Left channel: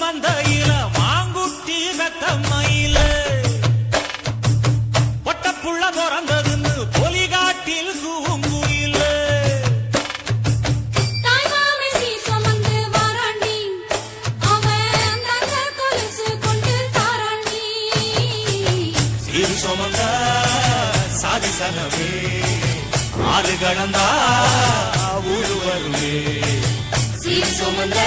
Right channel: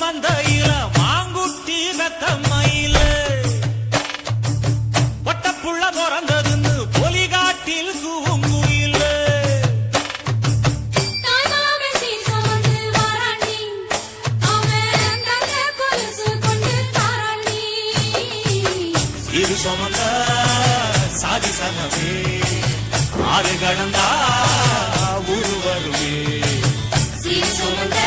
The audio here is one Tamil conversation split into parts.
மந்தையில மாங்குட்டி வெத்தம்மையில பொட்டப்புள்ள பிறந்ததுன்னு பொலிகாட்டில் கூங்குயில இரு சுமந்த சாதி சனவே ஆறு கடந்தா ஊரு வருவே சுமந்த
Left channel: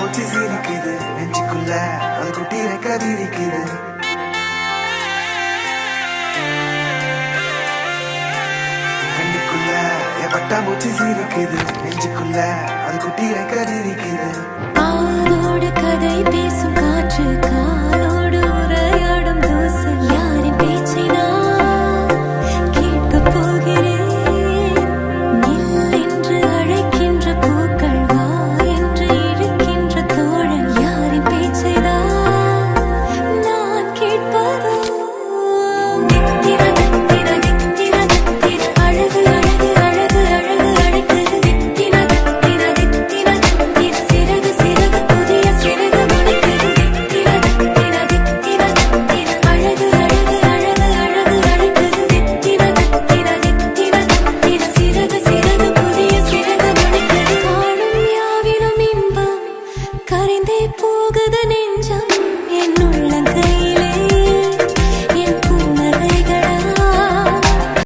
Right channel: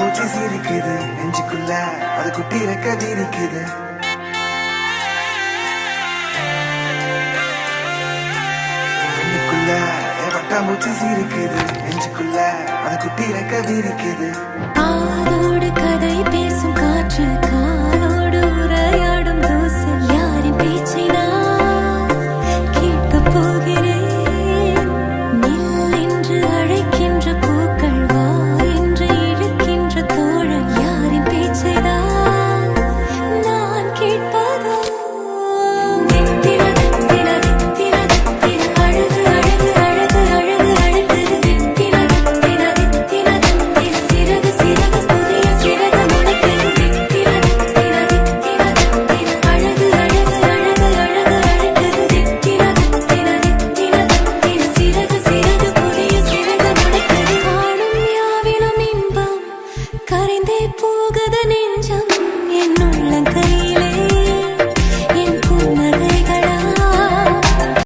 மூச்சு சிரிக்குது நெஞ்சுக்குள்ள அது குட்டி ரெக்க விரிக்குது கண்ணுக்குள்ள எவட்டா மூச்சு சிரிக்குது நெஞ்சுக்குள்ள அது குட்டி ரெக்க விரிக்குது ஆதோடு கதை பேசும் காற்று